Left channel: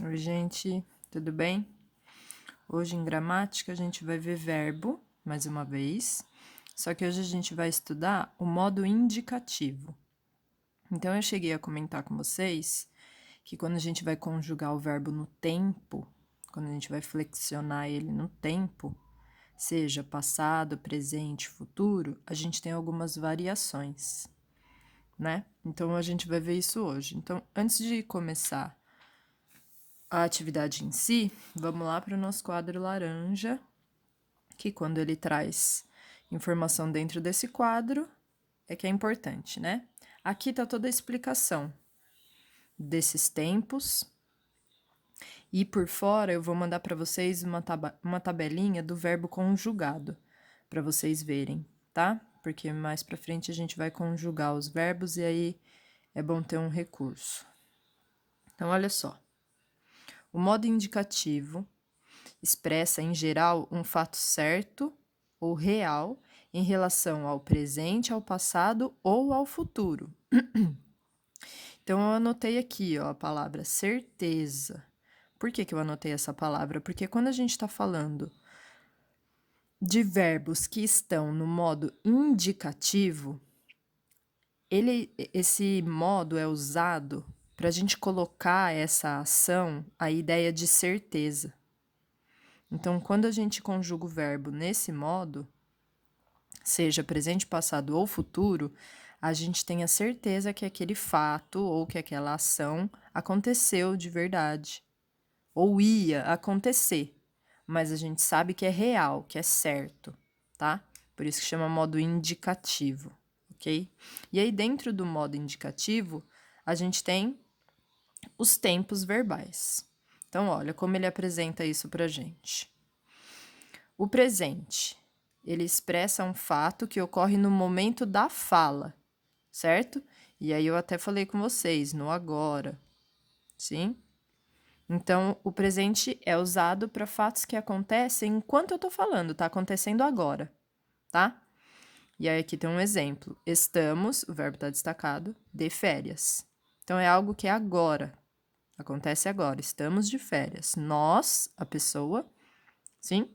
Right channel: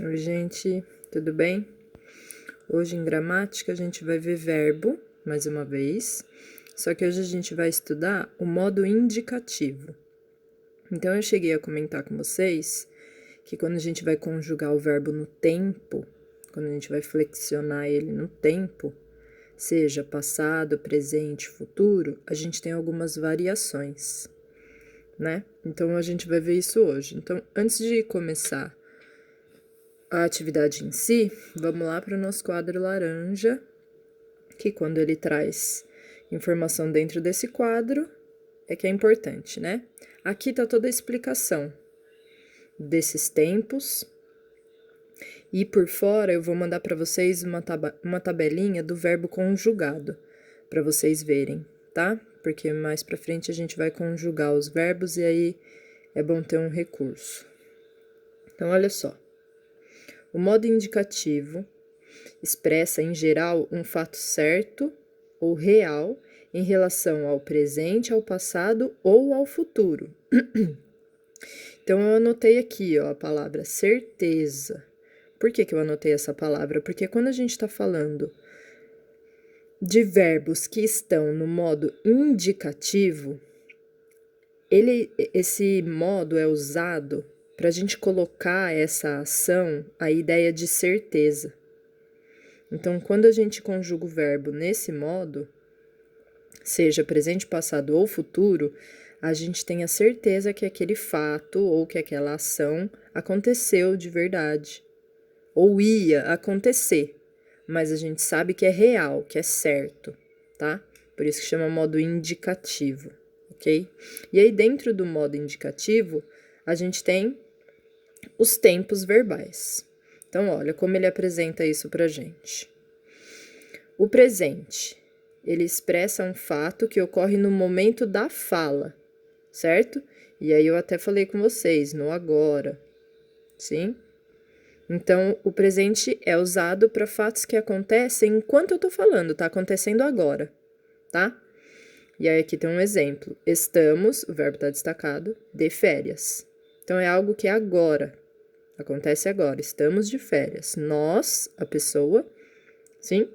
Oi, gente, tudo bem? Hoje em gramática a gente vai ver verbo, mais uma vez, só que hoje a gente vai estudar o modo indicativo. Então eu cheguei a comentar com vocês que quando a gente vai conjugar o verbo no tempo, quando a gente vai flexionar ele no tempo, seja passado, presente, futuro, a gente tem algumas variações, né? Então a gente vai ver isso hoje. Então, antes de começar a atividade em si, vamos lá para o nosso quadro laranja, que quando ele traz informação dentro desse quadro, é que é importante, né? Aqui tá toda a explicação desses tempos. E por fora eu vou mandar para vocês uma tabelinha do verbo conjugado, para vocês verem, tá? Porque mais para frente a gente vai conjugar os verbos e aí é bom ter um recurso. Então, olha só. O modo indicativo expressa, em geral, um fato certo ou real em relação ao presente, ao passado ou ao futuro. Então, eu anotei aqui, ó, a palavra certeza. Por que eu anotei essa palavra? Porque quando a gente está falando de verbos que estão no modo indicativo, esse modo é usado para a gente colocar essa ação, a ideia de certeza. Então, quando a gente conjuga o verbo nesse modo, seja presente, passado ou futuro, a gente tem a certeza que aquele fato ou que aquela ação aconteceu de verdade, ou ia acontecer, mas a gente sabe que é real, que é certo, tá? Por isso que chama modo indicativo, ok? E aí, dentro do modo indicativo, a gente tem os tempos verbais. Então, olha como ele apresenta isso pra gente. O presente, ele expressa um fato que ocorre no momento da fala, certo? E aí eu até falei com vocês, no agora, sim? Então, o presente é usado para fatos que acontecem enquanto eu tô falando, tá acontecendo agora, tá? E aí aqui tem um exemplo. Estamos, o verbo tá destacado, de férias. Então, é algo que é agora, acontece agora, estamos de férias. Nós, a pessoa, sim?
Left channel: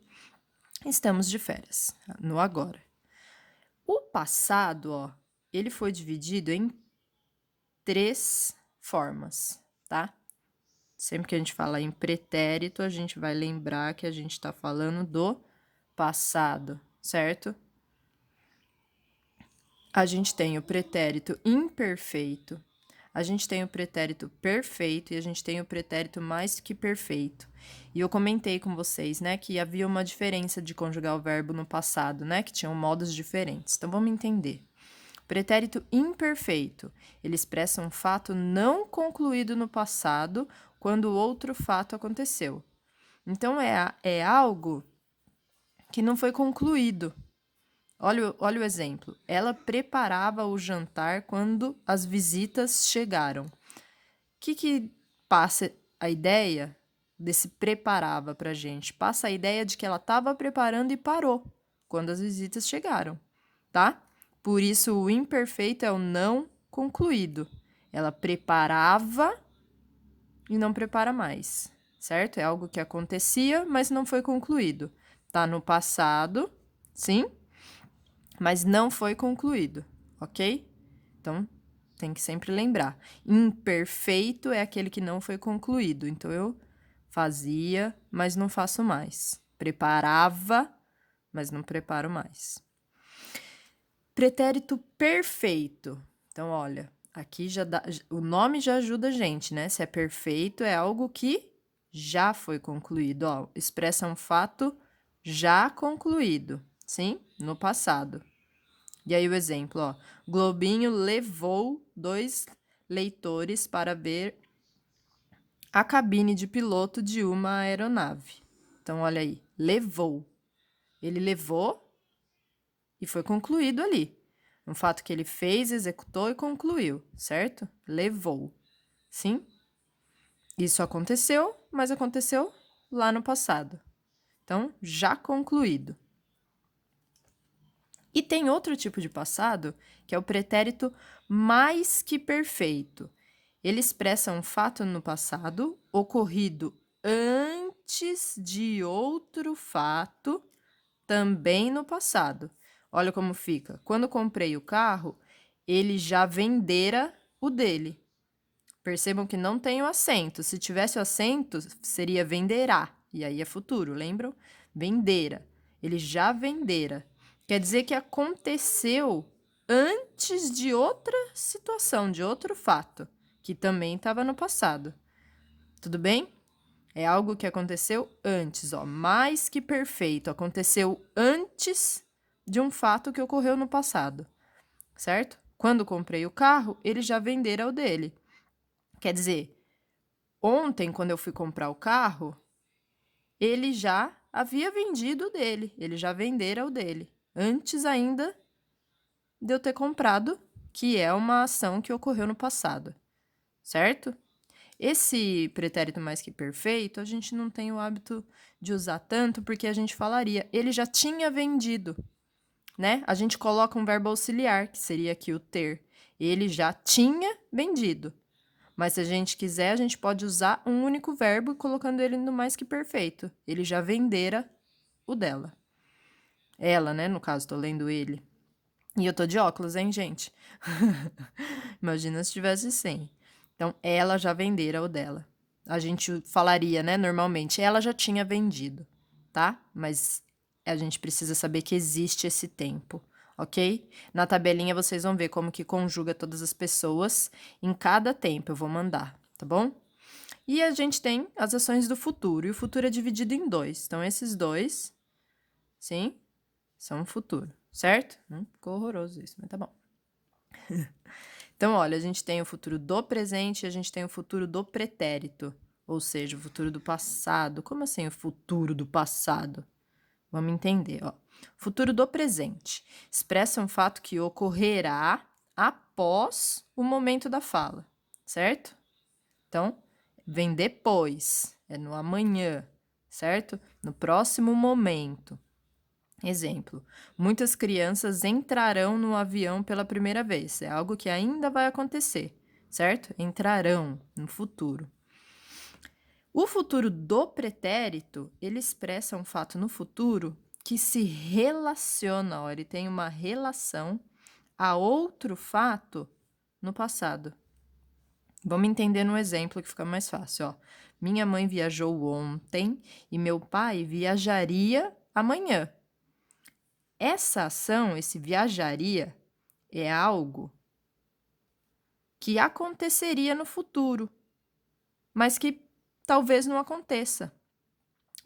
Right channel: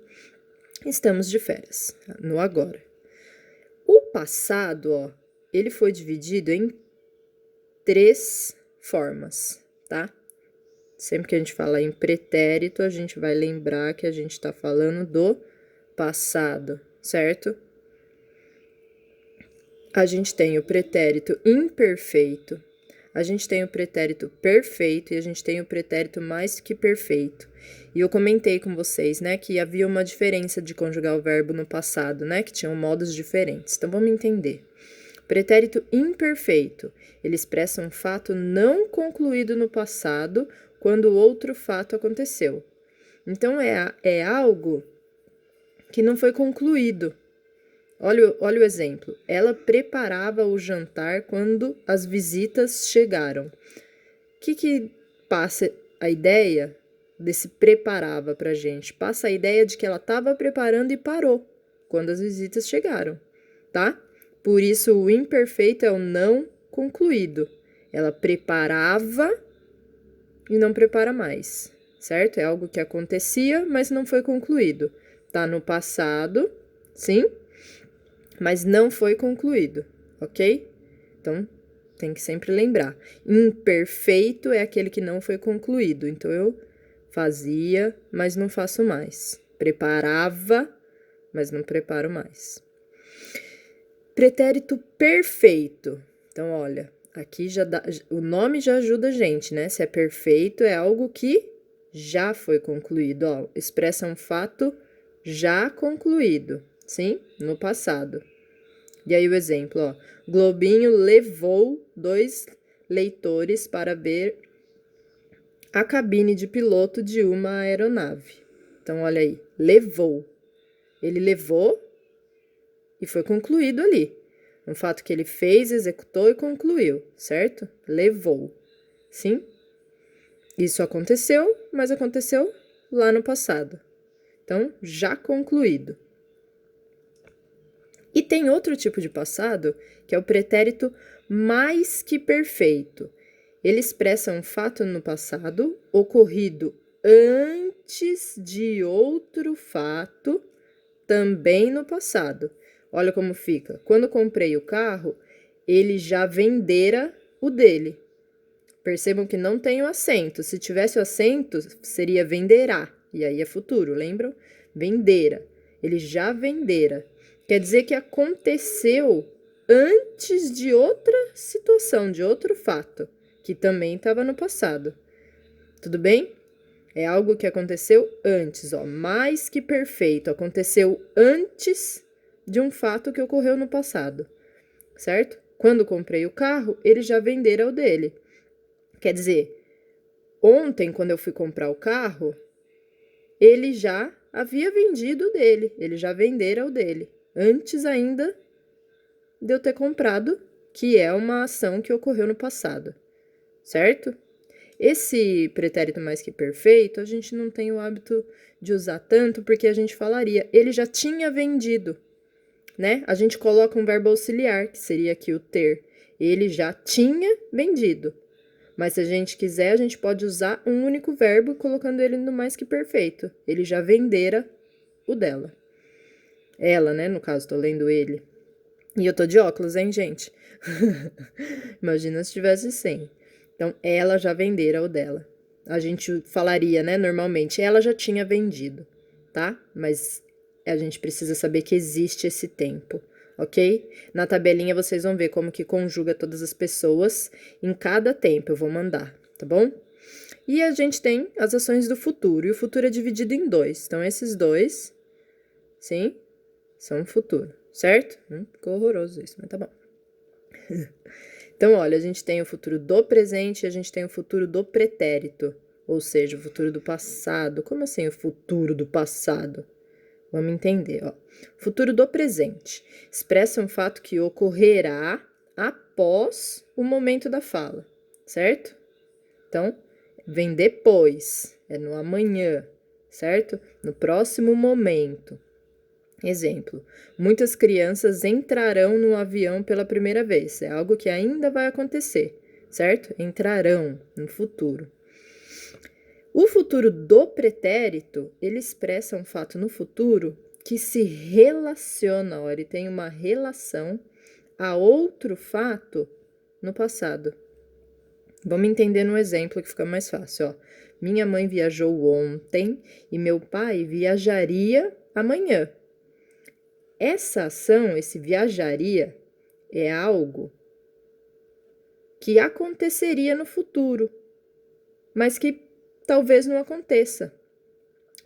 Estamos de férias, no agora. O passado, ó, ele foi dividido em 3 formas, tá? Sempre que a gente fala em pretérito, a gente vai lembrar que a gente tá falando do passado, certo? A gente tem o pretérito imperfeito, a gente tem o pretérito perfeito e a gente tem o pretérito mais que perfeito. E eu comentei com vocês, né, que havia uma diferença de conjugar o verbo no passado, né, que tinham modos diferentes. Então, vamos entender. Pretérito imperfeito, ele expressa um fato não concluído no passado quando outro fato aconteceu. Então, é algo que não foi concluído. Olha o exemplo. Ela preparava o jantar quando as visitas chegaram. O que passa a ideia desse preparava pra gente? Passa a ideia de que ela estava preparando e parou quando as visitas chegaram, tá? Por isso, o imperfeito é o não concluído. Ela preparava e não prepara mais, certo? É algo que acontecia, mas não foi concluído. Tá no passado, sim? Mas não foi concluído, ok? Então, tem que sempre lembrar. Imperfeito é aquele que não foi concluído. Então, eu fazia, mas não faço mais. Preparava, mas não preparo mais. Pretérito perfeito. Então, olha, aqui já dá, o nome já ajuda a gente, né? Se é perfeito, é algo que já foi concluído. Ó, expressa um fato já concluído, sim? No passado. E aí o exemplo, ó. Globinho levou 2 leitores para ver a cabine de piloto de uma aeronave. Então, olha aí, levou. Ele levou e foi concluído ali. Um fato que ele fez, executou e concluiu, certo? Levou. Sim? Isso aconteceu, mas aconteceu lá no passado. Então, já concluído. E tem outro tipo de passado, que é o pretérito mais que perfeito. Ele expressa um fato no passado ocorrido antes de outro fato também no passado. Olha como fica. Quando comprei o carro, ele já vendera o dele. Percebam que não tem o acento. Se tivesse o acento, seria venderá. E aí é futuro, lembram? Vendera. Ele já vendera. Quer dizer que aconteceu antes de outra situação, de outro fato, que também estava no passado. Tudo bem? É algo que aconteceu antes, ó, mais que perfeito. Aconteceu antes de um fato que ocorreu no passado, certo? Quando comprei o carro, ele já vendera o dele. Quer dizer, ontem, quando eu fui comprar o carro, ele já havia vendido o dele, ele já vendera o dele, antes ainda de eu ter comprado, que é uma ação que ocorreu no passado, certo? Esse pretérito mais que perfeito, a gente não tem o hábito de usar tanto, porque a gente falaria, ele já tinha vendido, né? A gente coloca um verbo auxiliar, que seria aqui o ter. Ele já tinha vendido. Mas se a gente quiser, a gente pode usar um único verbo colocando ele no mais que perfeito. Ele já vendera o dela. Ela, né? No caso, tô lendo ele. E eu tô de óculos, hein, gente? Imagina se tivesse sem. Então, ela já vendera o dela. A gente falaria, né, normalmente, ela já tinha vendido, tá? Mas a gente precisa saber que existe esse tempo, ok? Na tabelinha vocês vão ver como que conjuga todas as pessoas em cada tempo, eu vou mandar, tá bom? E a gente tem as ações do futuro, e o futuro é dividido em dois. Então, esses dois, sim, são o futuro, certo? Ficou horroroso isso, mas tá bom. Então, olha, a gente tem o futuro do presente e a gente tem o futuro do pretérito, ou seja, o futuro do passado. Como assim o futuro do passado? Vamos entender, ó. Futuro do presente expressa um fato que ocorrerá após o momento da fala, certo? Então, vem depois, é no amanhã, certo? No próximo momento. Exemplo, muitas crianças entrarão no avião pela primeira vez. É algo que ainda vai acontecer, certo? Entrarão no futuro. O futuro do pretérito, ele expressa um fato no futuro que se relaciona, ó, ele tem uma relação a outro fato no passado. Vamos entender no exemplo que fica mais fácil, ó. Minha mãe viajou ontem e meu pai viajaria amanhã. Essa ação, esse viajaria, é algo que aconteceria no futuro, mas que talvez não aconteça.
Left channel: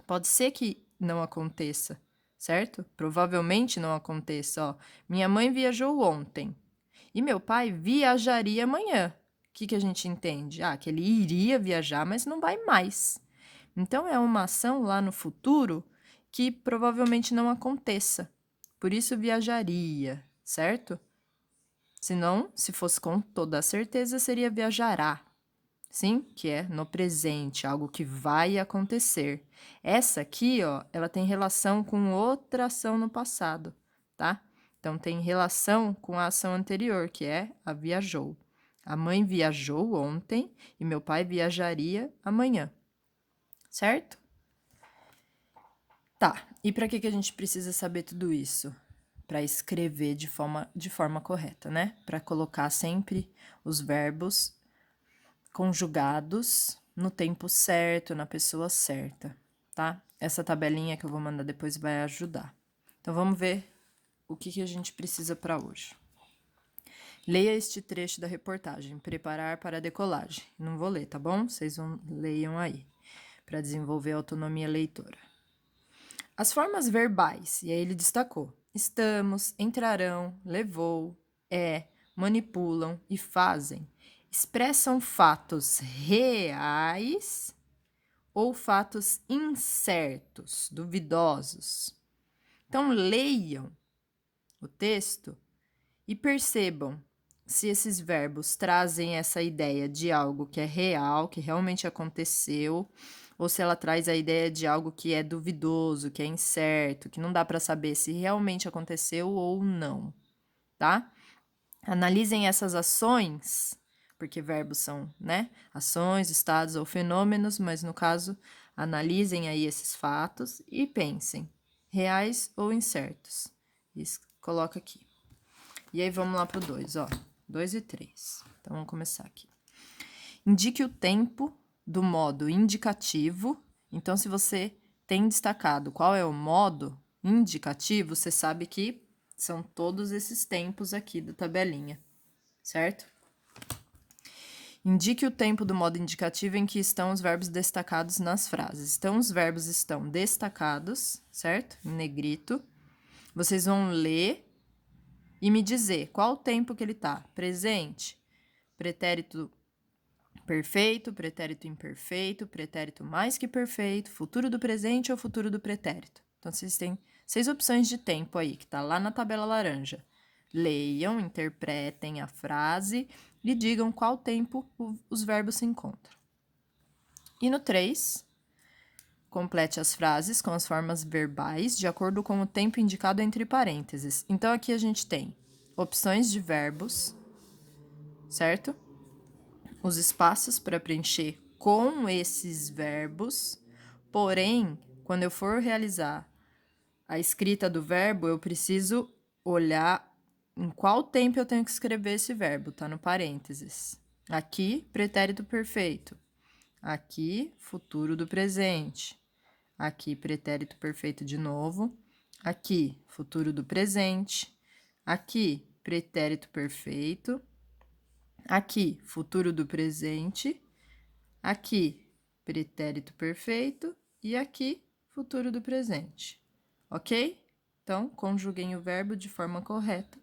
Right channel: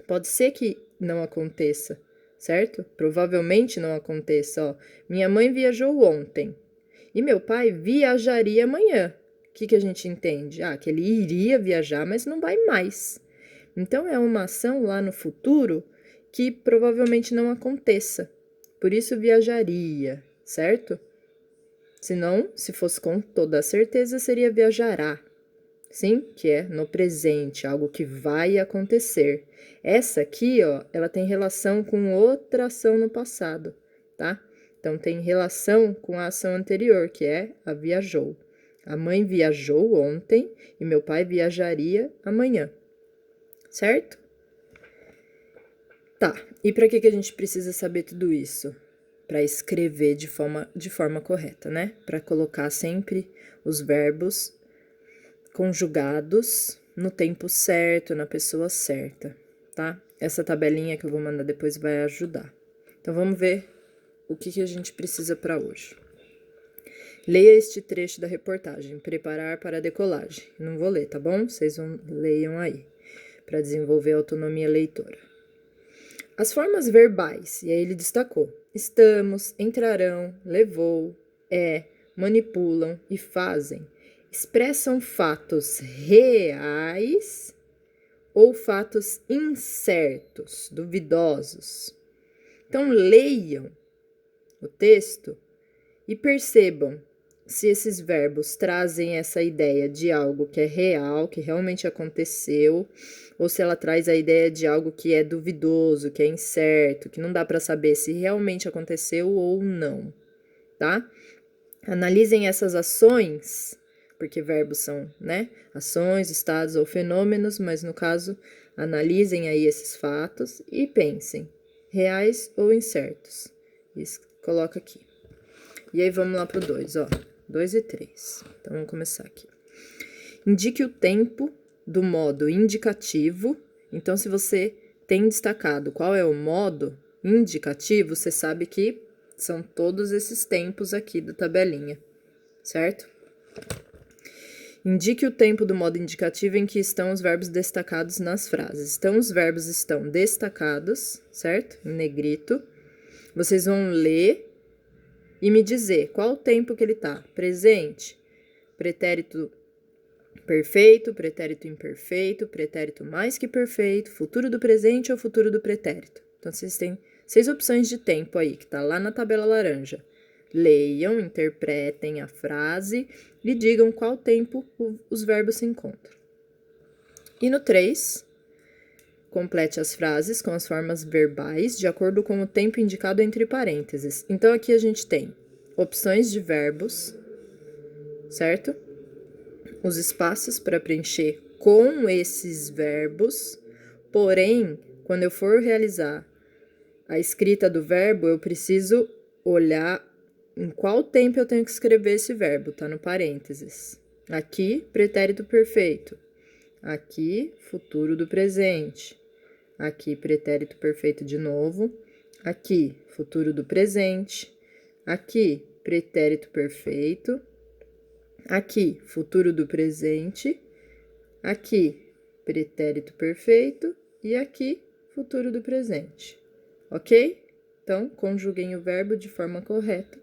Pode ser que não aconteça, certo? Provavelmente não aconteça, ó. Minha mãe viajou ontem e meu pai viajaria amanhã. O que a gente entende? Que ele iria viajar, mas não vai mais. Então, é uma ação lá no futuro que provavelmente não aconteça. Por isso, viajaria, certo? Senão, se fosse com toda a certeza, seria viajará. Sim, que é no presente, algo que vai acontecer. Essa aqui, ó, ela tem relação com outra ação no passado, tá? Então, tem relação com a ação anterior, que é a viajou. A mãe viajou ontem e meu pai viajaria amanhã, certo? Tá, e para que a gente precisa saber tudo isso? Para escrever de forma correta, né? Para colocar sempre os verbos conjugados no tempo certo, na pessoa certa, tá? Essa tabelinha que eu vou mandar depois vai ajudar. Então, vamos ver o que a gente precisa para hoje. Leia este trecho da reportagem, preparar para a decolagem. Não vou ler, tá bom? Vocês leiam aí, para desenvolver a autonomia leitora. As formas verbais, e aí ele destacou: estamos, entrarão, levou, manipulam e fazem, expressam fatos reais ou fatos incertos, duvidosos. Então, leiam o texto e percebam se esses verbos trazem essa ideia de algo que é real, que realmente aconteceu, ou se ela traz a ideia de algo que é duvidoso, que é incerto, que não dá para saber se realmente aconteceu ou não, tá? Analisem essas ações, porque verbos são, né, ações, estados ou fenômenos, mas no caso, analisem aí esses fatos e pensem, reais ou incertos. Isso, coloca aqui. E aí vamos lá pro 2, ó, 2 e 3. Então vamos começar aqui. Indique o tempo do modo indicativo. Então, se você tem destacado qual é o modo indicativo, você sabe que são todos esses tempos aqui da tabelinha, certo? Indique o tempo do modo indicativo em que estão os verbos destacados nas frases. Então, os verbos estão destacados, certo? Em negrito. Vocês vão ler e me dizer qual o tempo que ele tá. Presente, pretérito perfeito, pretérito imperfeito, pretérito mais que perfeito, futuro do presente ou futuro do pretérito. Então, vocês têm 6 opções de tempo aí, que tá lá na tabela laranja. Leiam, interpretem a frase e digam qual tempo os verbos se encontram. E no 3, complete as frases com as formas verbais de acordo com o tempo indicado entre parênteses. Então, aqui a gente tem opções de verbos, certo? Os espaços para preencher com esses verbos, porém, quando eu for realizar a escrita do verbo, eu preciso olhar em qual tempo eu tenho que escrever esse verbo, tá no parênteses. Aqui, pretérito perfeito. Aqui, futuro do presente. Aqui, pretérito perfeito de novo. Aqui, futuro do presente. Aqui, pretérito perfeito. Aqui, futuro do presente. Aqui, pretérito perfeito. E aqui, futuro do presente. Ok? Então, conjuguem o verbo de forma correta,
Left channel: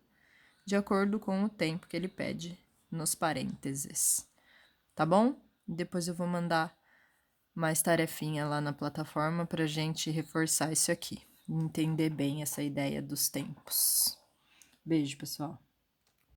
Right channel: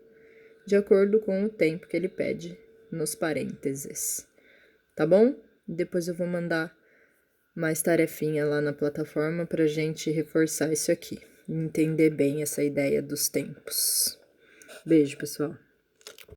de acordo com o tempo que ele pede nos parênteses. Tá bom? Depois eu vou mandar mais tarefinha lá na plataforma pra gente reforçar isso aqui. Entender bem essa ideia dos tempos. Beijo, pessoal.